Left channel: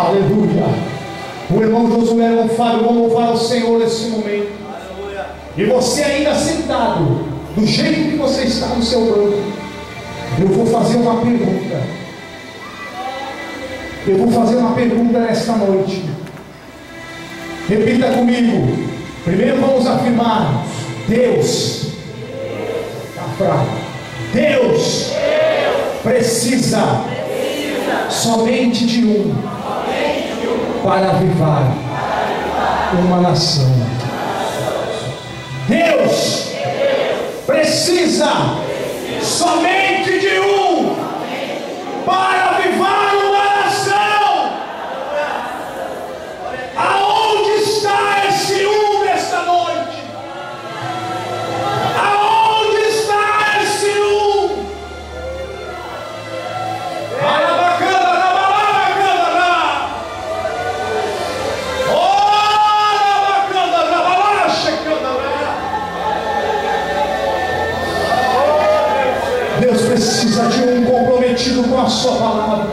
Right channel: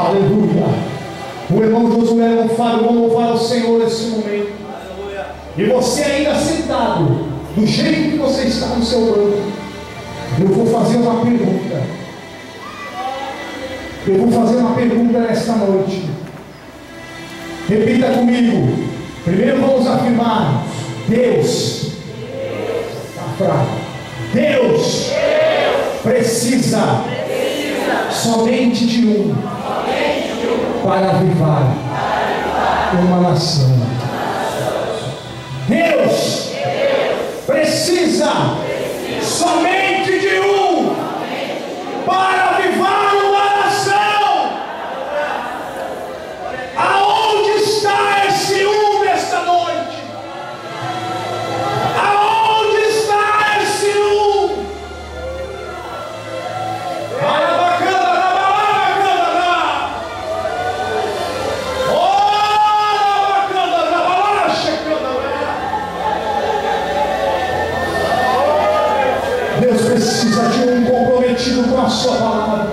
Aleluia. O irmão Josué não fala, vamos louvar o Senhor nesse momento. E você ainda sentado, do jeito que você está no seu banco, eu vou fazer uma pergunta. Eu vou fazer uma pergunta nesta noite. Repita comigo. Primeiro vamos afirmar: Deus está fraco. Deus precisa somente de um para avivar uma nação. Deus precisa somente de um para avivar uma nação. Aonde está esse um nesta noite? Aonde está esse um? Deus precisa de um comprometido com a sua palavra.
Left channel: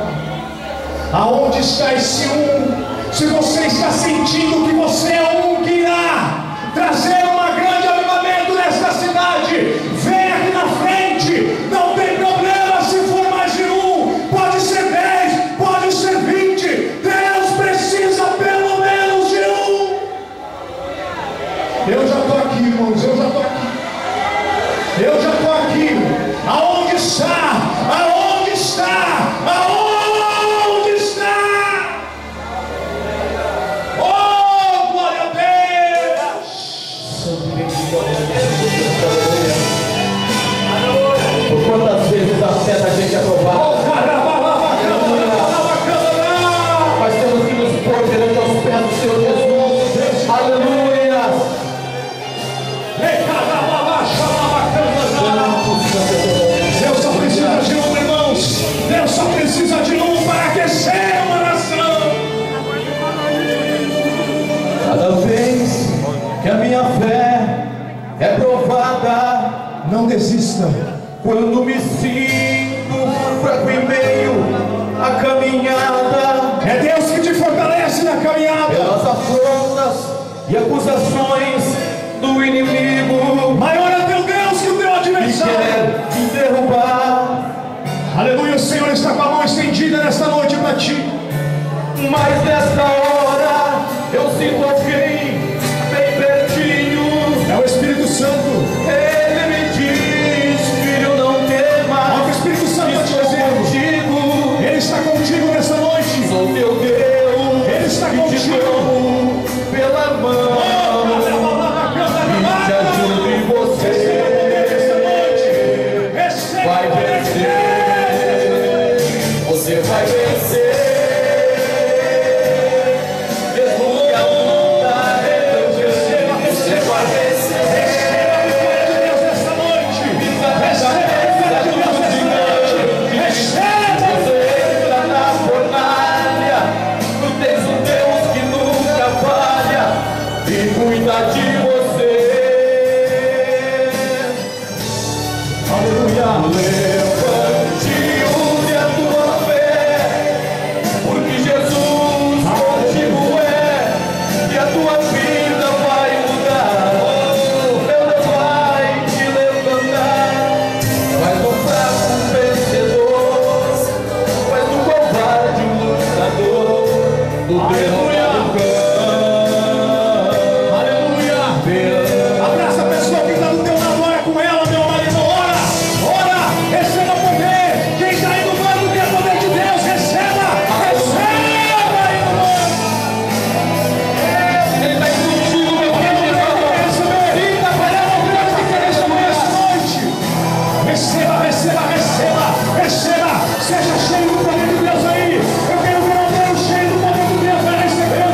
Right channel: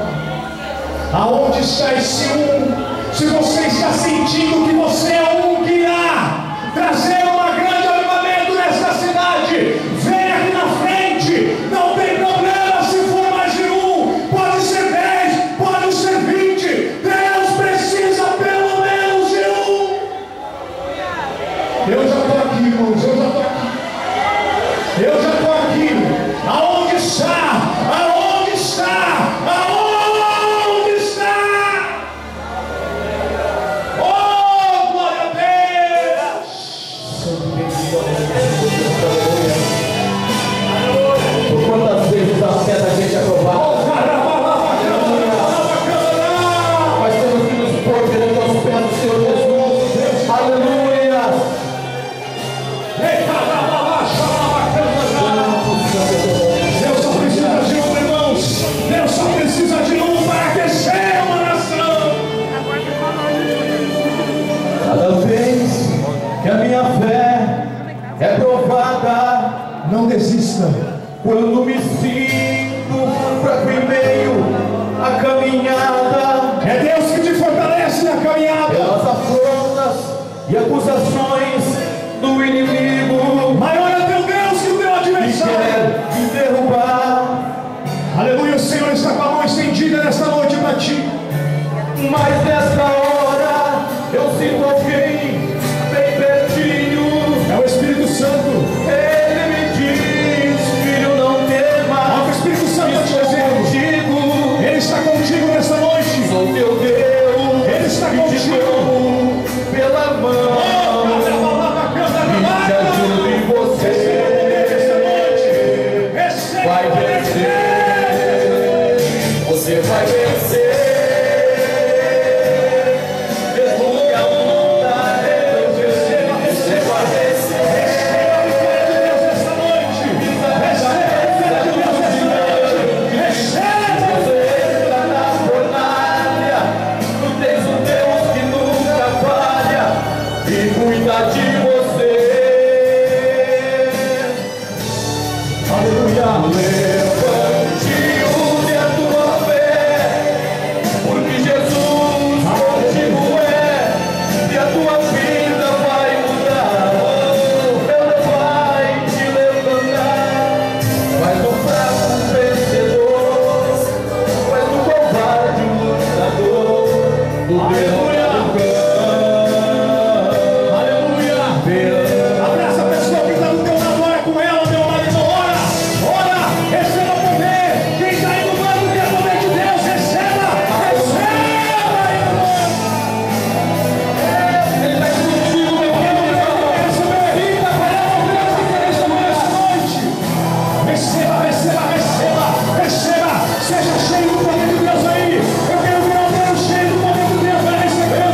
Aonde está esse um? Se você está sentindo que você é um que irá trazer uma grande avivamento nesta cidade, vem aqui na frente. Não tem problema se for mais de um, pode ser 10, pode ser 20. Deus precisa pelo menos de um. Eu já estou aqui, irmãos, eu já estou aqui. Eu já estou aqui. Aonde está? Aonde está? Aonde está? Oh, glória a Deus! Por quantas vezes a fé da gente é provada? Mas temos que nos pôr perante os pés do Senhor Jesus. Aleluia! Deus só precisa de um, irmãos. Deus só precisa de um para aquecer uma nação. Cada vez que a minha fé é provada, não desista. Quando me sinto fraco em meio à caminhada, é Deus que te fortalece na caminhada. Pelas afrontas e acusações do inimigo, maior é teu Deus que o teu adversário, que quer te derrubar. Aleluia, o Senhor está com a mão estendida nesta noite para ti. Mas nesta hora eu sinto alguém bem pertinho. É o Espírito Santo. Ele me diz: filho, não temas. O Espírito Santo está te dizendo: Ele está contigo nesta noite. Sou teu Deus. Ele está contigo pela mão. Te ajudo em você. Vai vencer. Você vai vencer. Mesmo que a luta é você vai vencer. Esta noite. Você entra na fornalha. Tu tens um Deus que nunca falha e cuida de você. Levante, use a tua fé, porque Jesus contigo é, e a tua vida vai mudar. Ele vai te levantar, faz do fraco um vencedor, faz do covarde um lutador, do derrotado cão. Aleluia! Abraça a pessoa que está do teu lado, ora com ela, meu marido, ora! Receba poder. Quem está aí no banco quer poder de Deus. Receba. Receba aí no banco. Ele está contigo, meu Receba, receba, receba, receba. Seja cheio do poder de Deus aí. Eu quero ver alguém cheio do poder de Deus. Vai receber.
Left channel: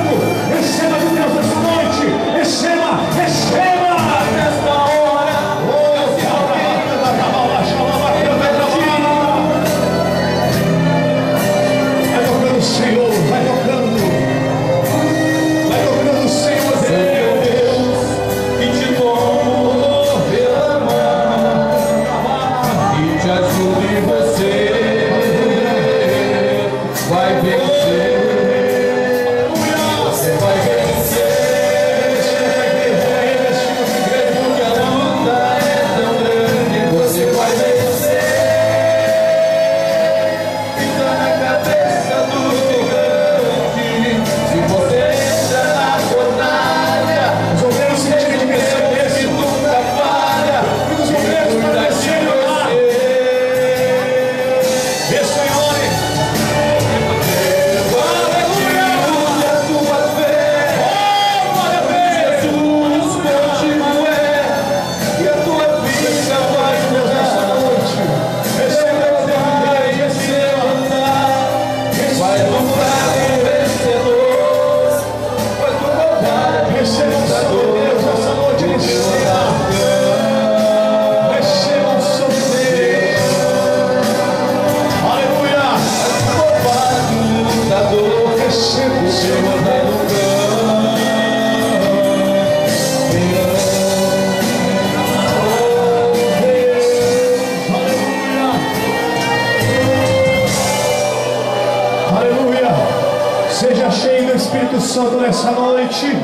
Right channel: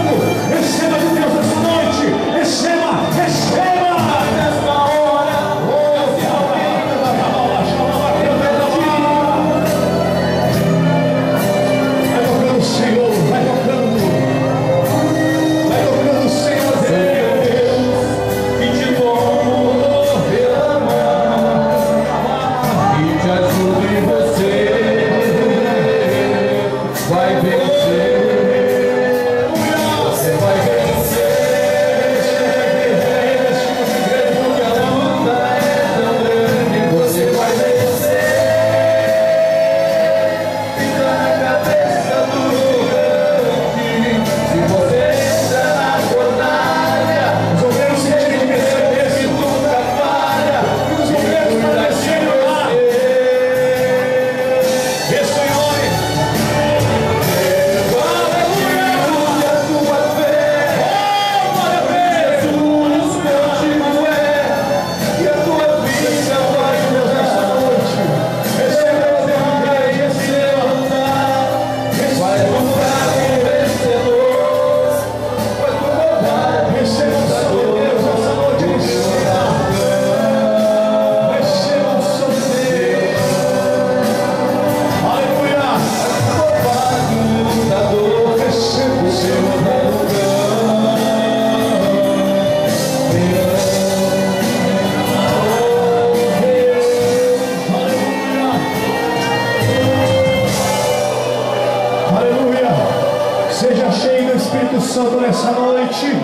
Seja cheio do Espírito Santo nessa noite.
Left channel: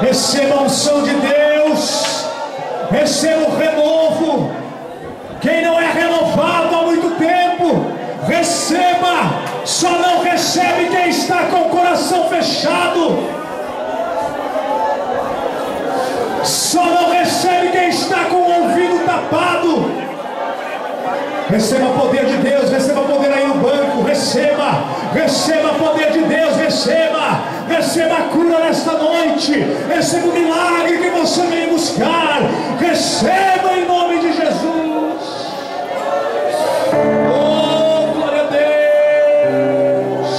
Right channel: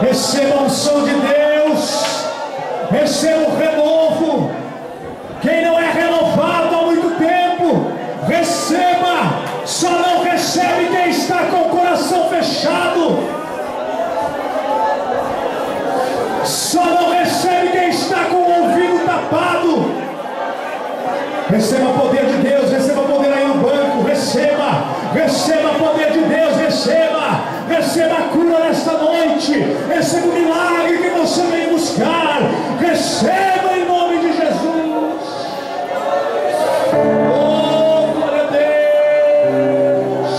Receba a unção de Deus. Receba o renovo. Quem não é renovado há muito tempo, receba. Só não recebe quem está com o coração fechado. Só não recebe quem está com o ouvido tapado. Receba o poder de Deus. Receba poder aí no banco. Receba. Receba o poder de Deus, receba a cura nesta noite, receba o milagre que você vem buscar, receba em nome de Jesus. Oh, glória a Deus.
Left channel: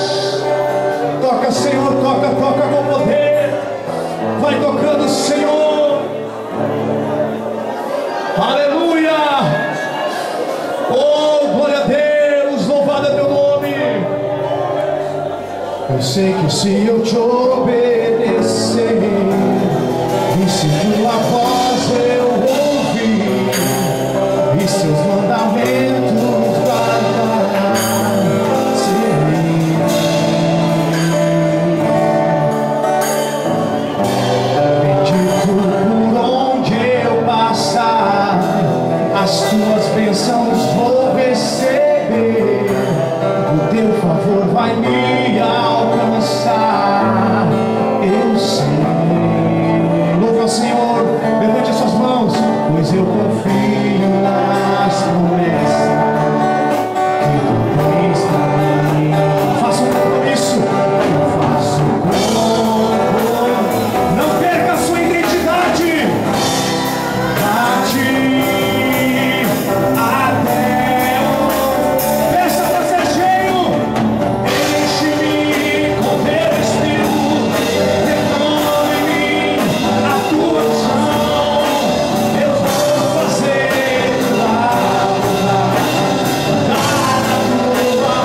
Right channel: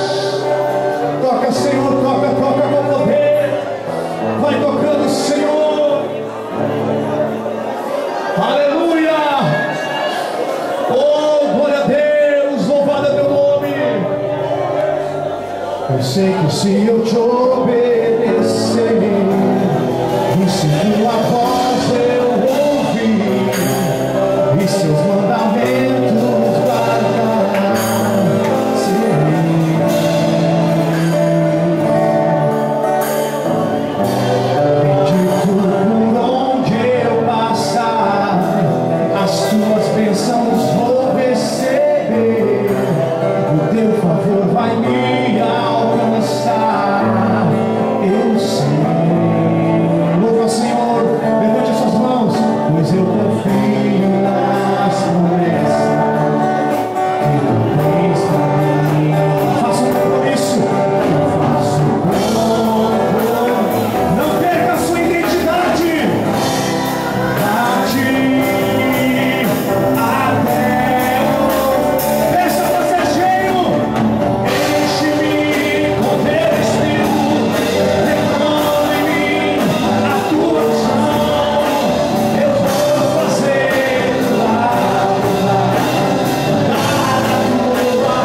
Toca, Senhor, toca com poder, vai tocando, Senhor. Aleluia. Oh, glória a Deus, louvado é teu nome. Eu sei que se eu te obedecer e se tua voz eu ouvir e seus mandamentos guardar, bendito por onde eu passar, as tuas bênçãos vou receber, o teu favor vai me alcançar. Eu sei. Louva, Senhor, levante as suas mãos, pois eu confio nas promessas que tu tens para mim. Faça um compromisso. Eu faço um compromisso. Não perca a sua identidade. A ti, até o peça para ser cheio. Enche-me com teu Espírito, derrama em mim a tua unção. Eu vou fazer tua vontade, andar na tua.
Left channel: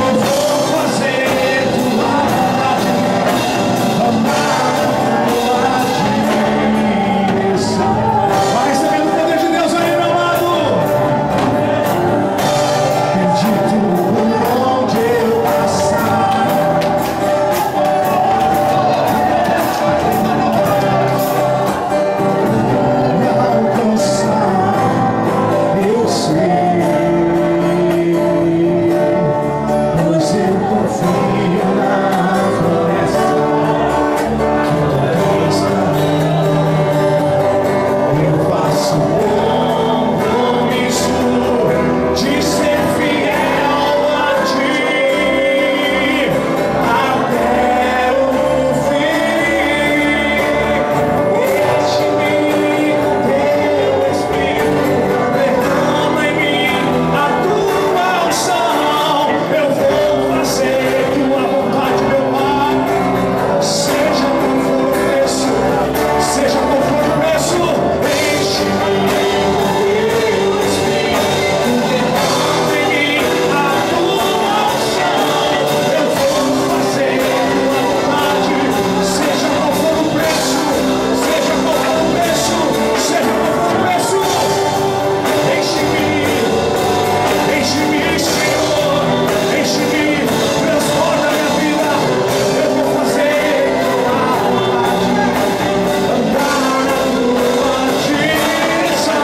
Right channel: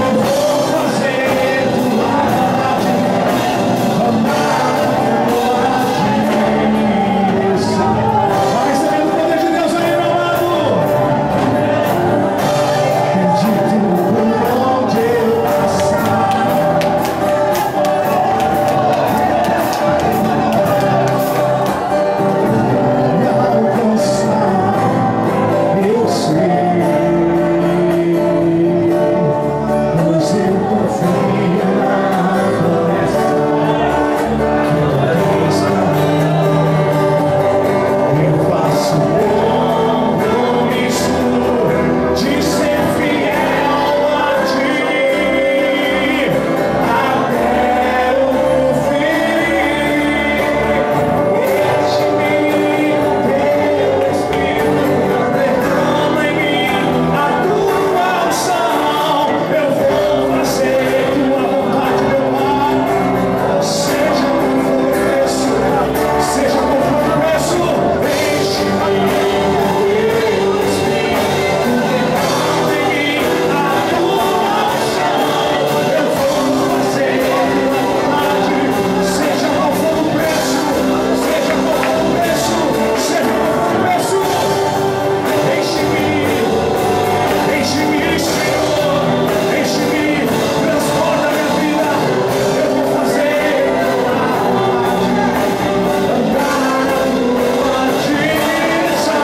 Eu vou fazer tua vontade, andar na tua direção. Vai recebendo o poder de Deus aí, meu amado. Bendito por onde eu passar, me alcançar. Eu sei, pois eu confio na promessa que tu tens pra mim. Eu faço compromisso de ser fiel a ti até o fim. Enche-me com teu Espírito, derrama em mim a tua unção. Eu vou fazer tua vontade, meu Pai. Seja qual for o preço, seja qual for o preço. Enche-me com teu Espírito, derrama em mim a tua unção. Eu vou fazer tua vontade, seja qual for o preço, seja qual for o preço, seja qual for o preço. Enche-me, Senhor, enche-me, transporta a minha vida. Eu vou fazer tua vontade, andar na tua direção.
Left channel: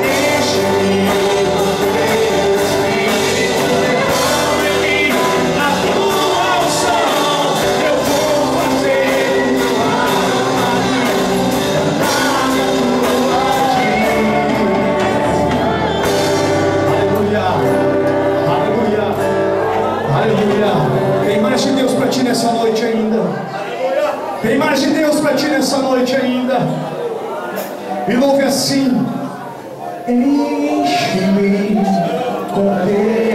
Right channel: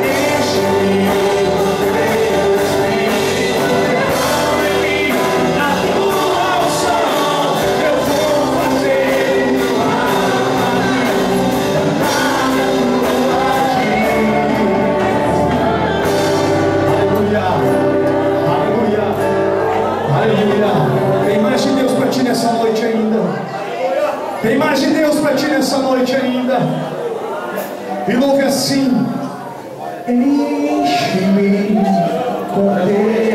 Enche-me com teu Espírito, derrama em mim a tua unção. Eu vou fazer tua vontade, andar na tua direção. Aleluia, aleluia, aleluia. Tem mais de Deus para ti nessa noite ainda. Tem mais de Deus para ti nessa noite ainda. E louve assim: enche-me com teu